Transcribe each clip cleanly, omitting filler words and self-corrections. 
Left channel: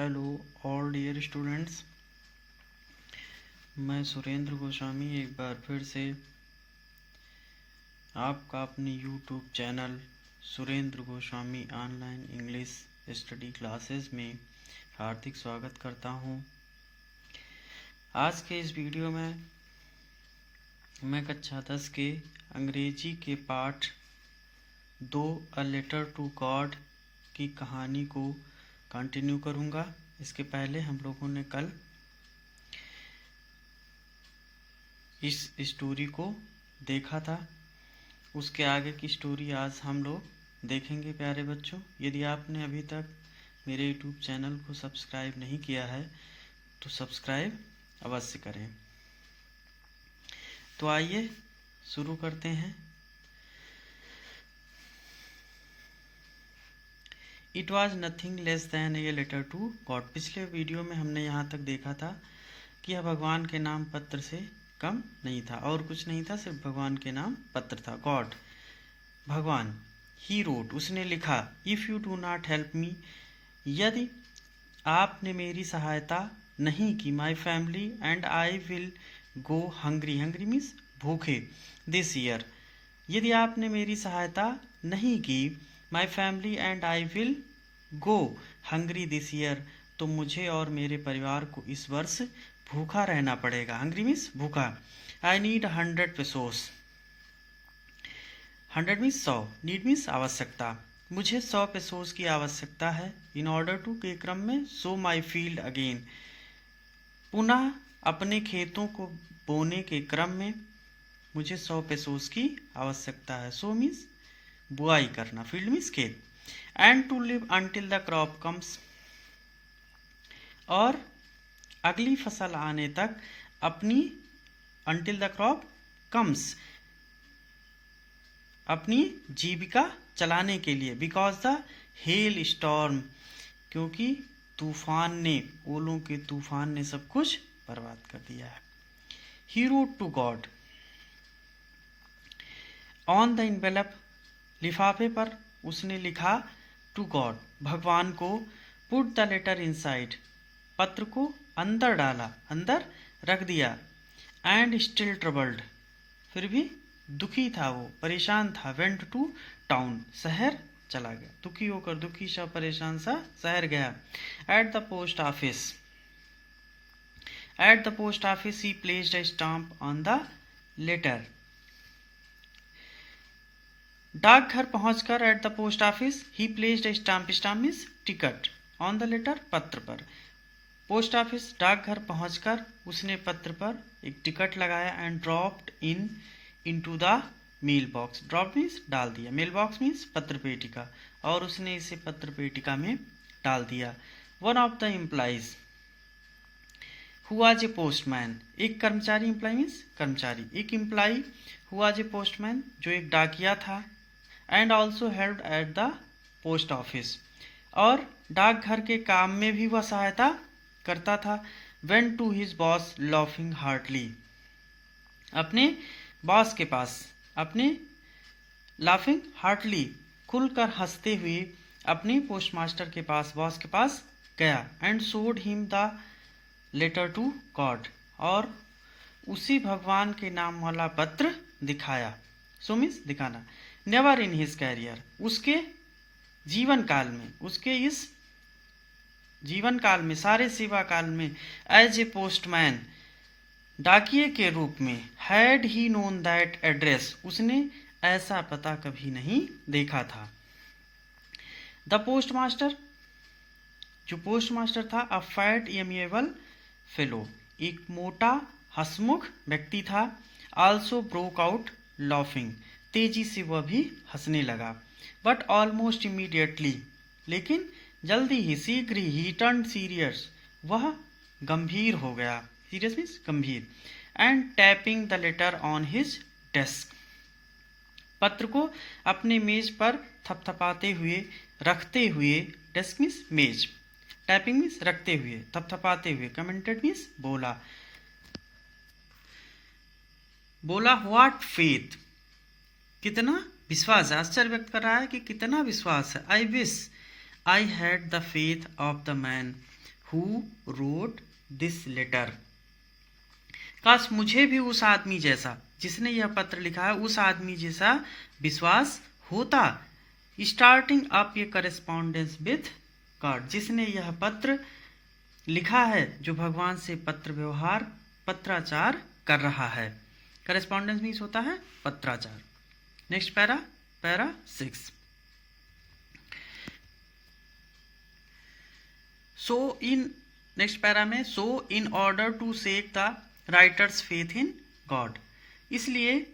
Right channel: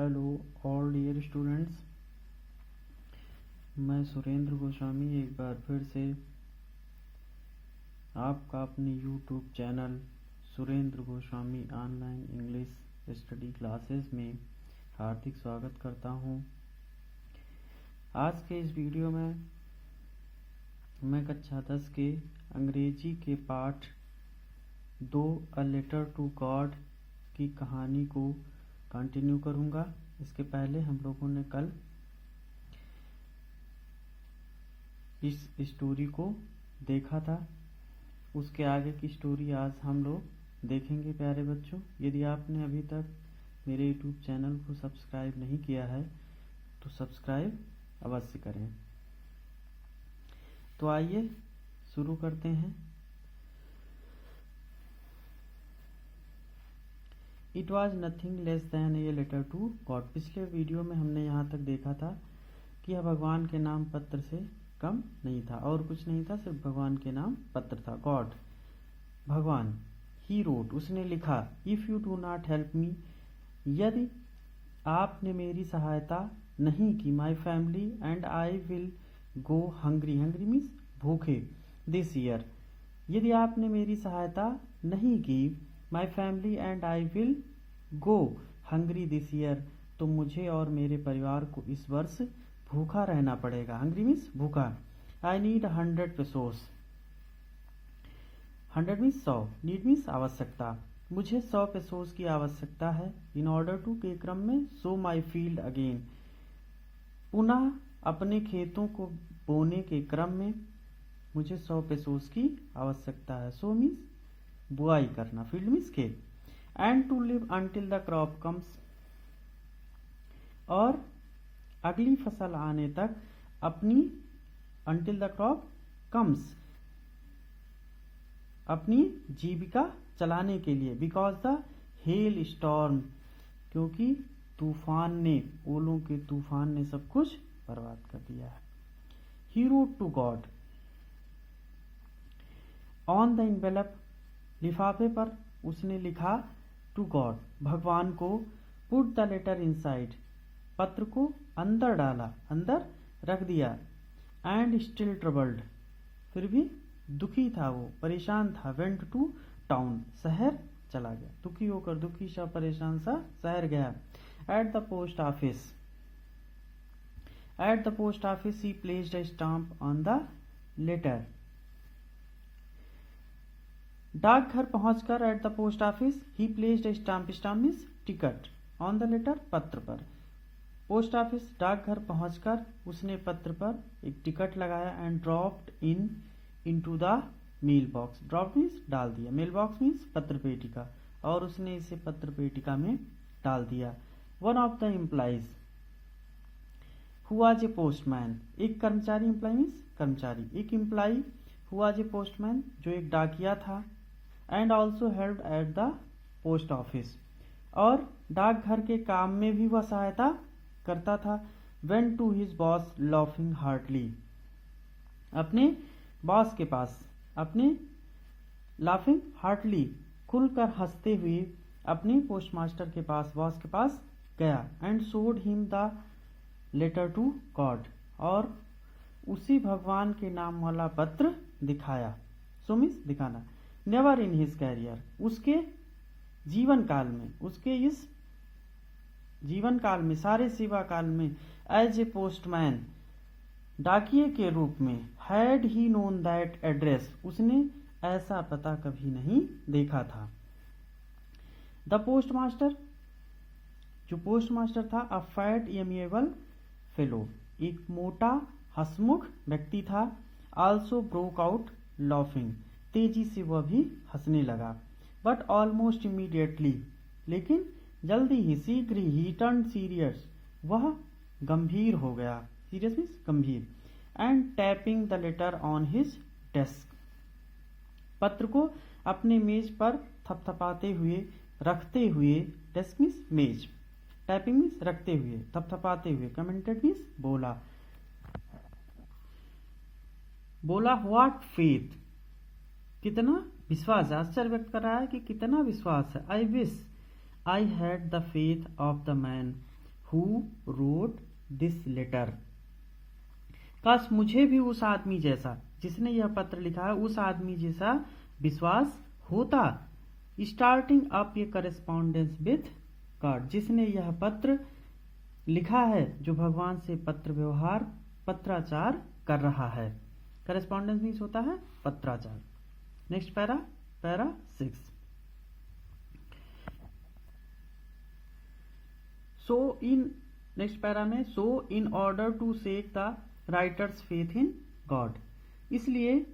Hello all dear students, मैं सुरेंद्र गोस्वामी एक बार फिर से आपका अपनी YouTube channel Surendra Goswami online English study classes में हार्दिक स्वागत करता हूं। आज के इस वीडियो में मैं कक्षा 10 के अंग्रेजी के पाठ 2 अ लेटर टू गॉड की कहानी को कंटिन्यू करूंगा। इसके पहले हम लोगों ने कल इस स्टोरी को देखा था, उसके आगे की स्टोरी आज हम लोग देखेंगे। प्यारे बच्चों, यदि आपने अभी तक मेरे यूट्यूब चैनल को सब्सक्राइब नहीं किया है तो सब्सक्राइब अवश्य करें। तो आइए शुरू करते हैं। It was nothing less than a letter to God. पिछले वीडियो में हमने यहाँ तक देखा था कि यह भगवान के नाम पत्र से कम नहीं था और कुछ नहीं था, सिर्फ भगवान के नाम पत्र था। गॉड, भगवान। ही रोट, उसने लिखा। If you do not help me, यदि आपने मेरी सहायता नहीं की, my family and I will go hungry. Hungry means भूखे। दिस ईयर, यदि आपने मेरी सहायता नहीं की, my family and I will go hungry this year, तो मुझे और मेरे परिवार को इस वर्ष भूखा रहना पड़ेगा। हंग्री मीन्स भूखा। I need 100 pesos. 100 means 100, need means आवश्यकता। मुझे 100 पेसोस की आवश्यकता है। इन ऑर्डर टू के क्रम में सो माई फील्ड अगेन, पुनः अपने खेतों को बोने के क्रम में मुझे 100 पेसोस की आवश्यकता है। सो मीन्स बुआई करना, फील्ड मीन्स खेत। And to live until the crop comes, और अगली फसल आने तक अपनी, अंटिल द क्रॉप कम्स, अपनी जीविका चलाने के लिए। बिकॉज द हेल स्टॉर्म, क्योंकि तूफान ने, ओलों के तूफान ने सब कुछ बर्बाद कर दिया है। He wrote to God on the envelope, लिफाफे पर उसने लिखा टू गॉड, भगवान को। पुट द लेटर इनसाइड, पत्र को अंदर डाला, अंदर रख दिया। एंड स्टिल ट्रबल्ड, फिर भी दुखी था वो, परेशान था। वेंट टू टाउन, शहर चला गया। दुखी होकर, दुखी सा परेशान सा शहर गया। At the post office, at the post office he placed a stamp on the letter. डाकघर पहुंचकर, at the post office he placed a stamp, stamp means ticket, on the letter, पत्र पर। पोस्ट ऑफिस, डाकघर पहुंचकर उसने पत्र पर एक टिकट लगाया। And dropped into the mail box. Drop means डाल दिया, मेल बॉक्स मीन्स पत्र पेटिका, और उसने इसे पत्र पेटिका में डाल दिया। One of the employees who was a postman, एक कर्मचारी, एम्प्लॉय मीन्स कर्मचारी, एक employ who was a postman, जो एक डाकिया था। And also helped at the post office, और डाकघर के काम में भी वह सहायता करता था। Went to his boss laughing heartily, अपने बॉस के पास, अपने लाफिंग हार्टली, खुलकर हंसते हुए अपने पोस्टमास्टर के पास, बॉस के पास गया। And showed him the letter to God, और उसी भगवान के नाम वाला पत्र दिखाया। सो मीन्स दिखाना। नेवर इन हिज कैरियर, उसके जीवन काल में, उसके इस जीवन काल में, सारे सेवा काल में, एज ए पोस्टमैन, डाकिये के रूप में, had he known that address, उसने ऐसा पता कभी नहीं देखा था। द पोस्टमास्टर, जो पोस्टमास्टर था, अ फैट एमिएबल फेलो, एक मोटा हंसमुख व्यक्ति था। आल्सो ब्रोक आउट लाफिंग, तेजी से वह भी हंसने लगा। बट ऑलमोस्ट इमीडिएटली, लेकिन जल्दी ही, शीघ्र ही, टर्न सीरियस, वह गंभीर हो गया। सीरियस मीन्स गंभीर। And tapping the later on his desk, पत्र को अपने मेज पर थपथपाते हुए, रखते हुए, डेस्क मीन्स मेज, टैपिंग मीन्स रखते हुए, थपथपाते हुए, कमेंटेड मीन्स बोला। बोला व्हाट फेथ, कितना विश्वास है, आश्चर्य व्यक्त कर रहा है कि कितना विश्वास है। I wish I had the faith of the man who wrote this letter. काश मुझे भी उस आदमी जैसा जिसने यह पत्र लिखा है उस आदमी जैसा विश्वास होता। Starting up A correspondence with God, जिसने यह पत्र लिखा है, जो भगवान से पत्र व्यवहार पत्राचार कर रहा है। करेस्पॉन्डेंस मीन्स होता है पत्राचार। Next para 6। So in next para में so in order to seek the writers faith in God, इसलिए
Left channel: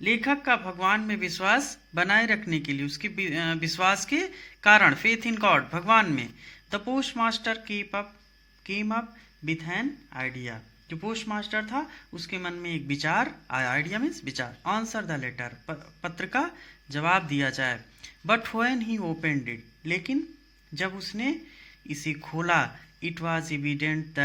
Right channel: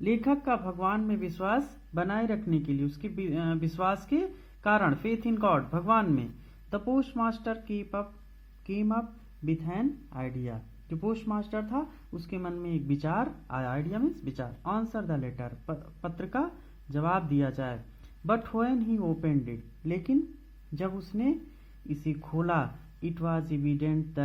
लेखक का भगवान में विश्वास बनाए रखने के लिए, उसके विश्वास के कारण, फेथ इन गॉड भगवान में, the post master came up with an idea, जो पोस्ट मास्टर था उसके मन में एक विचार आया। आइडिया मीन्स विचार। आंसर द लेटर, पत्र का जवाब दिया जाए। But when he opened it, लेकिन जब उसने इसे खोला, इट वॉज इविडेंट,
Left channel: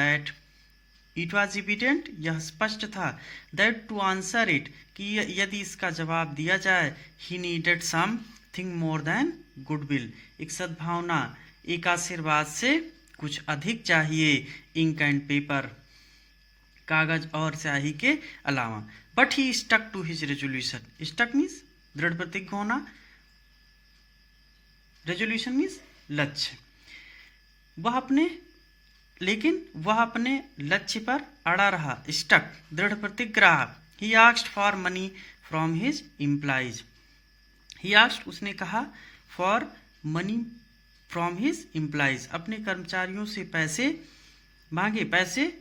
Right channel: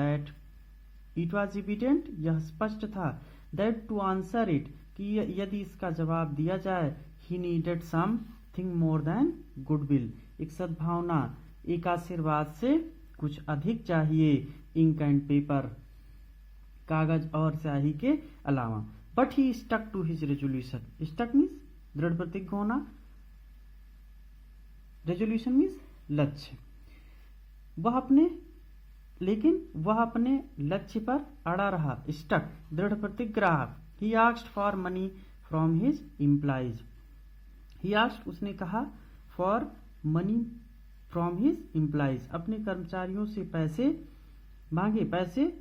यह स्पष्ट था, दैट टू आंसर इट, कि यदि इसका जवाब दिया जाए, he needed something more than goodwill, एक सद्भावना, एक आशीर्वाद से कुछ अधिक चाहिए, इंक एंड पेपर, कागज और स्याही के अलावा। But he stuck to his resolution, stuck means दृढ़ प्रतिज्ञ होना, रेजोल्यूशन मीन्स लक्ष्य। लेकिन वह अपने लक्ष्य पर अड़ा रहा, स्टक, दृढ़ प्रतिज्ञ रहा। He asked for money from his employees, he asked, उसने कहा, for money from his employees, अपने कर्मचारियों से पैसे मांगे, पैसे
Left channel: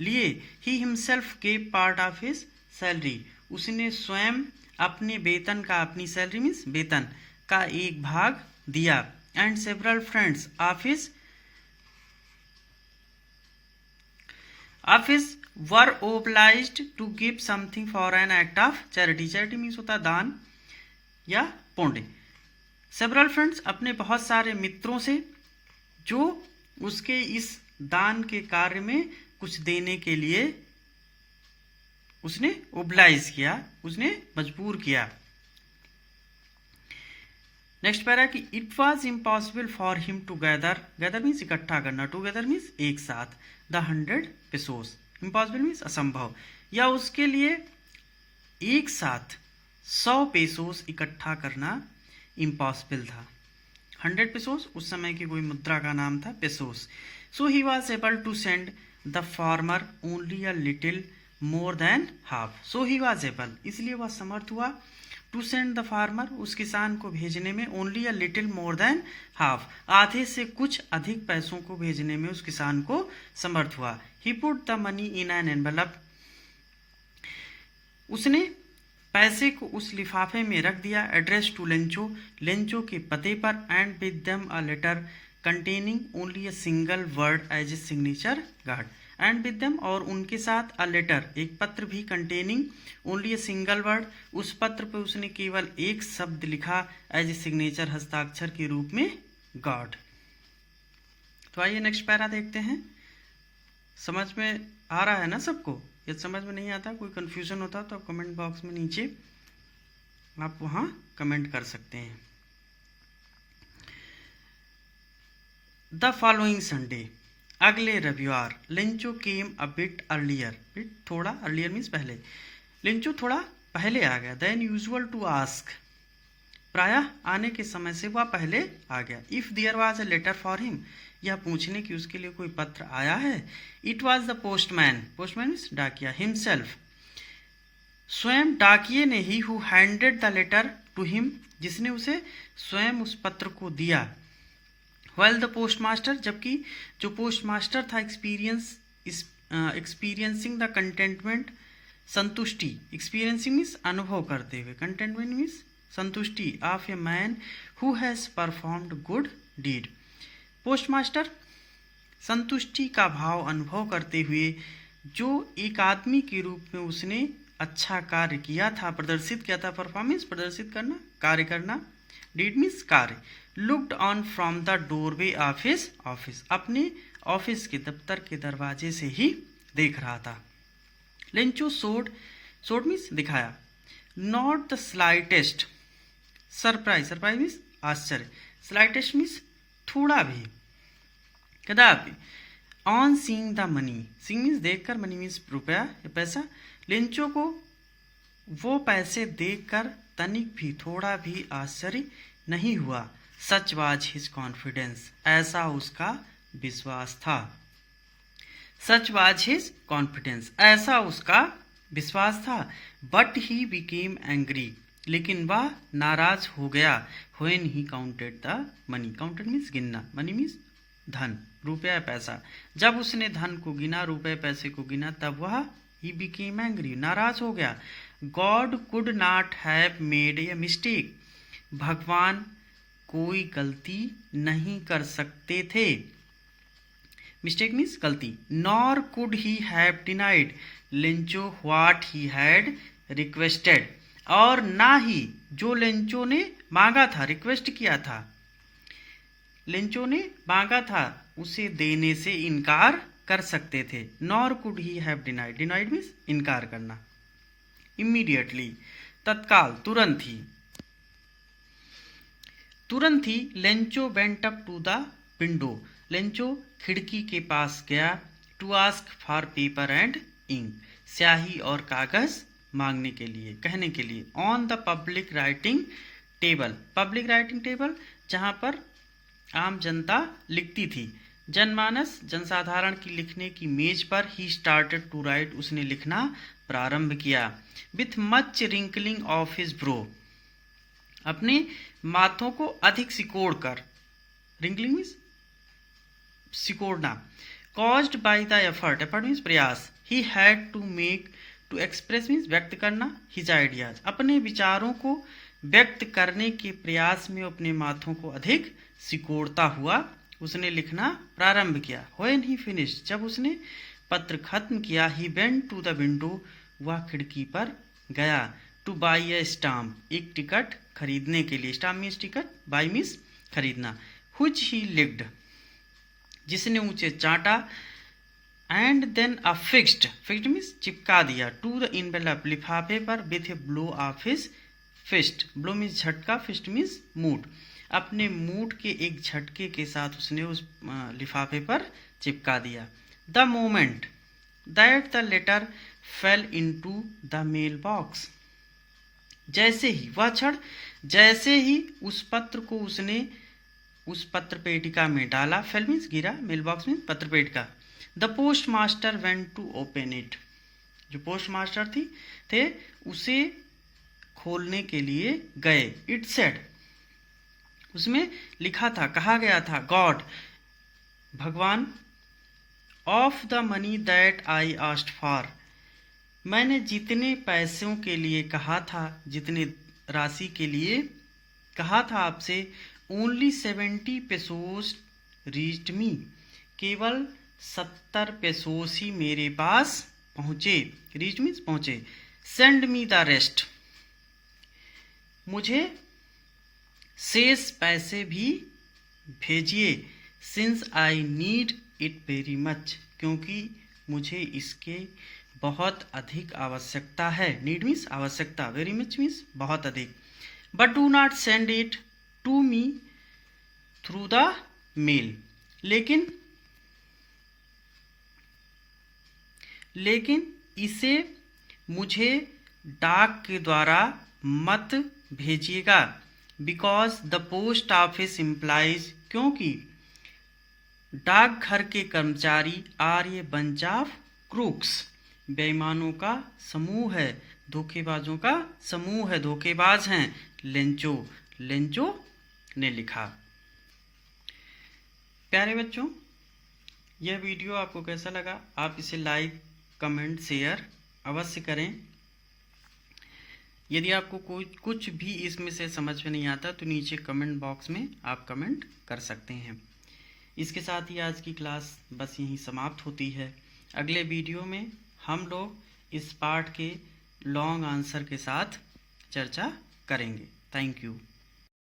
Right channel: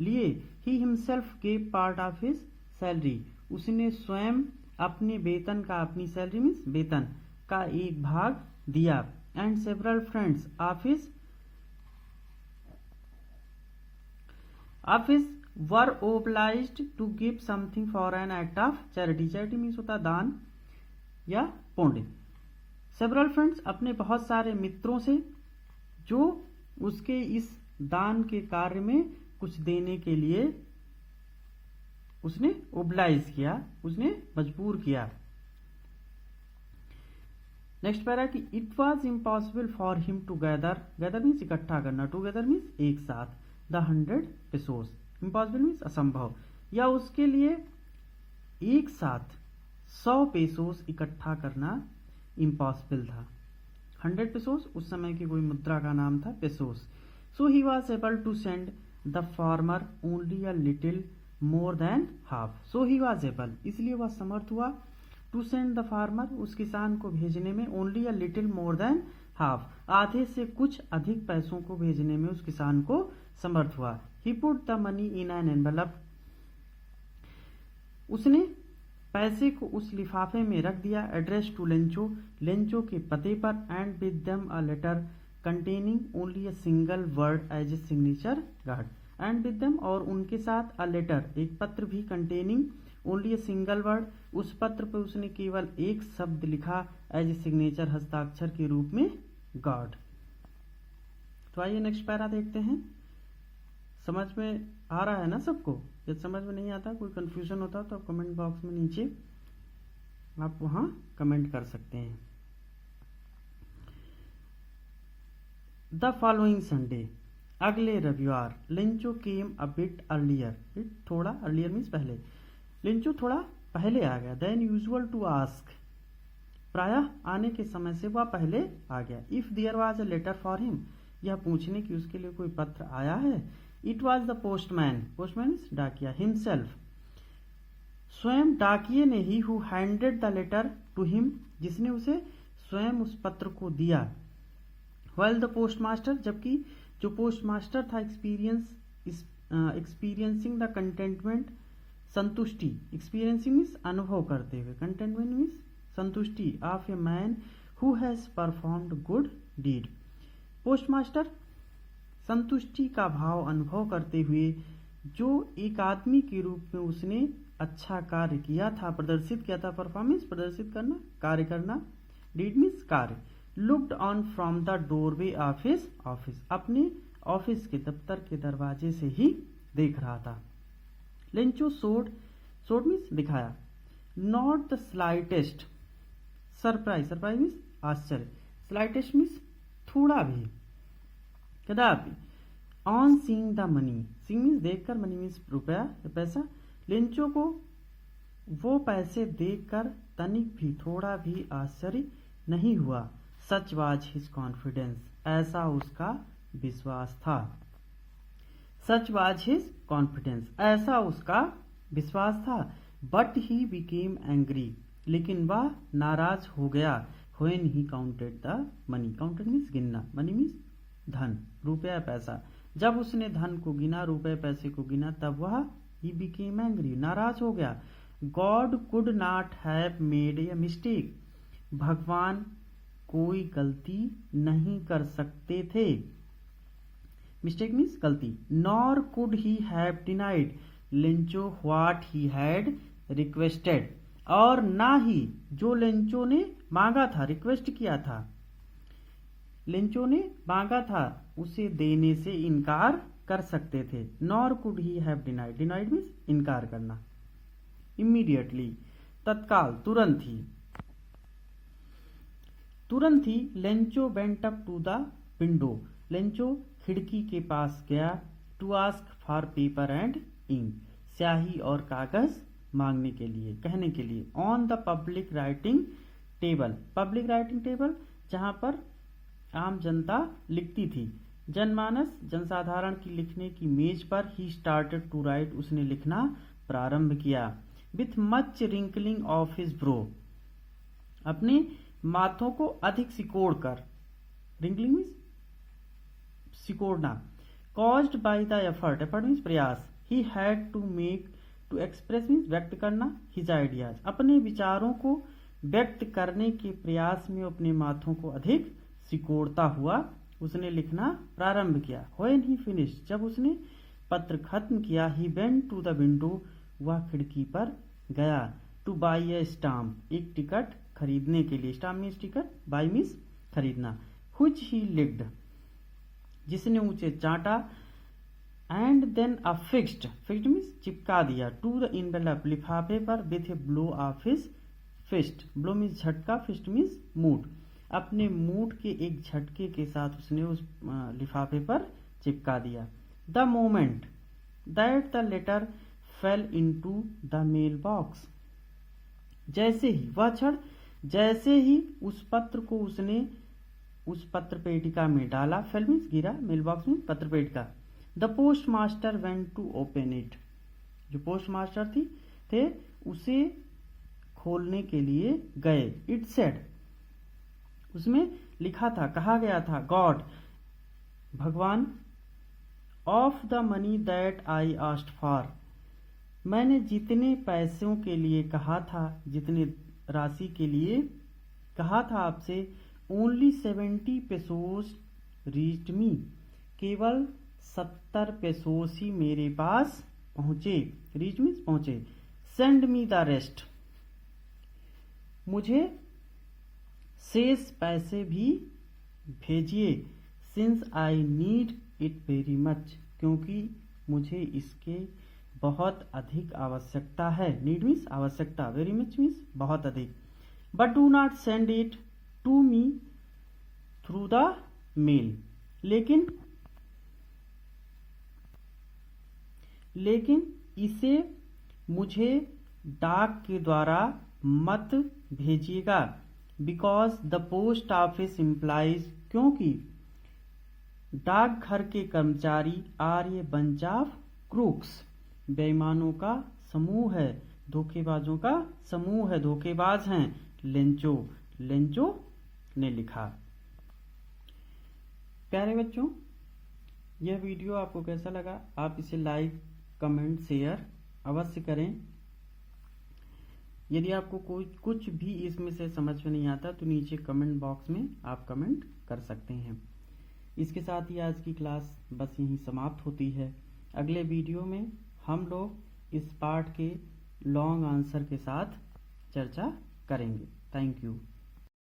लिए। He himself gave part of his salary, उसने स्वयं अपने वेतन का, अपनी सैलरी मीन्स वेतन का एक भाग दिया। And several friends of his were obliged to give something for an act of charity, charity means होता है दान या पुण्य। सेवरल फ्रेंड्स, अपने बहुत सारे मित्रों से, जो उसके इस दान के कार्य में कुछ देने के लिए उसने ओब्लाइज किया, उसने मजबूर किया। नेक्स्ट पैरा कि it was impossible for him to gather means इकट्ठा करना, टूगेदर मीन्स एक साथ, द 100 पेसोस, इम्पॉसिबल मीन्स असंभव, या उसके लिए एक साथ 100 पेसोस इकट्ठा करना इम्पॉसिबल था। 100 पेसोस उस समय की कोई मुद्रा का नाम था, pesos. So he was able to send the farmer only a little more than half, so he was able, इसलिए वह समर्थ हुआ, टू सेंड द फार्मर, उस किसान को भेजने में, only a little more than half, आधे से कुछ अधिक पैसों को भेजने में उस किसान को समर्थ हुआ। He put the money in an envelope, उसने पैसे को उस लिफाफे में रख दिया, एड्रेस टू लेंचो, लेंचो के पते पर, and with them a letter containing only a single word as a signature God, and with them, और उनके साथ, अ लेटर, एक पत्र भी, containing only a single word, उस पत्र पर उसने केवल एक शब्द लिखा, एज ए सिग्नेचर, हस्ताक्षर के रूप में, गॉड। तो आइए नेक्स्ट पैरा देखते हैं। समझ में आ रहा है ना सबको? यदि समझ में नहीं आता, कोई कंफ्यूजन होता तो कमेंट बॉक्स में नीचे आप वहां कमेंट कर सकते हैं। द फॉलोइंग संडे, अगले रविवार, Lencho came a bit earlier, थोड़ा, अर्लियर मीन्स पहले, लेंचो थोड़ा पहले आ गया, देन यूजुअल टू आस्क, प्रायः आने के समय से वह पहले आ गया। If there was a letter for him, यह पूछने की उसके लिए कोई पत्र आया है। It was the postman, postman means डाकिया, हिमसेल्फ, स्वयं डाकिये ने ही, who handed the letter to him, जिसने उसे स्वयं उस पत्र को दिया। वेल द पोस्टमास्टर, जबकि जो पोस्टमास्टर था, एक्सपीरियंसिंग द कंटेंटमेंट, संतुष्टि, एक्सपीरियंसिंग मीन्स अनुभव करते हुए, कंटेंटमेंट मीन्स संतुष्टि, of a man who has performed good deed, postmaster संतुष्टि का भाव अनुभव करते हुए, जो एक आदमी के रूप में उसने अच्छा कार्य किया था, प्रदर्शित किया था, परफॉर्मेंस प्रदर्शित करना, कार्य करना, डीड मीन्स कार्य, looked on from the doorway of his office, अपने ऑफिस के दफ्तर के दरवाजे से ही देख रहा था। लेंचो सोड मीन्स दिखाया, not the slightest surprise, surprise means आश्चर्य, स्लाइटेस्ट मीन्स थोड़ा भी, कदापि। On seeing the money, seeing means देखकर, मनी मीन्स रुपया या पैसा, लेंचो को वो पैसे देखकर तनिक भी, थोड़ा भी आश्चर्य नहीं हुआ। सच वाज हिज कॉन्फिडेंस, ऐसा उसका विश्वास था। सच वाज हिज कॉन्फिडेंस, ऐसा उसका विश्वास था। बट ही बिकेम एंग्री, लेकिन वह नाराज हो गया। When he counted the money, counted means गिनना, मनी मीन्स धन, रुपया पैसा। जब उसने धन को गिना, रुपये पैसे को गिना, तब वह ही बिकेम एंग्री, नाराज हो गया। God could not have made a mistake, भगवान कोई गलती नहीं कर सकते थे। मिस्टेक मीन्स गलती। Nor could he have denied Lencho what he had requested, और ना ही जो लेंचो ने मांगा था, रिक्वेस्ट किया था, लेंचो ने मांगा था, उसे देने से इनकार कर सकते थे। Nor could he have denied, denied means इनकार करना। इमीडिएटली, तत्काल, तुरंत ही। तुरंत ही Lencho went up to the window, Lencho खिड़की के पास गया। To ask for paper and ink, स्याही और कागज मांगने के लिए, कहने के लिए। On the public writing table, public writing table जहाँ पर आम जनता लिखती थी, जनमानस, जनसाधारण की लिखने की मेज पर ही स्टार्टेड टू राइट, उसने लिखना प्रारंभ किया। With much wrinkling of his brow, अपने माथों को अधिक सिकोड़ कर, रिंकलिंग मीन्स सिकोड़ना। Caused by the effort, effort means प्रयास। He had to make, to express means व्यक्त करना, हिज आइडियाज, अपने विचारों को व्यक्त करने के प्रयास में अपने माथों को अधिक सिकोड़ता हुआ उसने लिखना प्रारंभ किया। व्हेन ही फिनिश, जब उसने पत्र खत्म किया। He went to the window, वह खिड़की पर गया। टू बाई ए स्टाम्प, एक टिकट खरीदने के लिए। Stamp means ticket, buy means खरीदना। व्हिच ही लिक्ड, जिसने ऊंचे चाटा। And then affixed, fixed means चिपका दिया। टू द इनवेलप, लिफाफे पर। With a blow of his fist, blow means झटका, फिस्ट मीन्स मूठ, अपने मूठ के एक झटके के साथ उसने उस लिफाफे पर चिपका दिया। The moment that the letter fell into the mail box, जैसे ही, वह क्षण जैसे ही उस पत्र को उसने उस पत्र पेटिका में डाला। फेल मीन्स गिरा, मेल बॉक्स मीन्स पत्र पेटिका। The post master went to open it, जो पोस्ट मास्टर थे उसे खोलने के लिए गए। इट सेड, उसमें लिखा था, कहा गया था। गॉड, भगवान। Of the money that I asked for, मैंने जितने पैसों के लिए कहा था, जितने राशि के लिए कहा था आपसे। ओनली 70 पेसोस रीच्ड मी, केवल 70 पेसोस ही मेरे पास पहुँचे। रीच मीन्स पहुँचे। सेंड मी द रेस्ट, मुझे शेष पैसे भी भेजिए। Since I need it very much, क्योंकि मुझे इसके बहुत अधिक आवश्यकता है। नीड मीन्स आवश्यकता, वेरी मच मीन्स बहुत अधिक। But do not send it to me through the mail, लेकिन इसे मुझे डाक के द्वारा मत भेजिएगा। Because the post office employees, क्योंकि डाकघर के कर्मचारी are a bunch of crooks, बेईमानों का समूह है, धोखेबाजों का समूह है, धोखेबाज हैं। लेंचो, लेंचो ने लिखा। प्यारे बच्चों, यह वीडियो आपको कैसा लगा? आप इसे लाइक, कमेंट, शेयर अवश्य करें। यदि आपको कुछ भी इसमें से समझ में नहीं आता तो नीचे कमेंट बॉक्स में आप कमेंट कर सकते हैं। इसके साथ ही आज की क्लास बस यहीं समाप्त होती है। अगले वीडियो में हम लोग इस पार्ट के लॉन्ग आंसर के साथ चर्चा करेंगे। Thank you.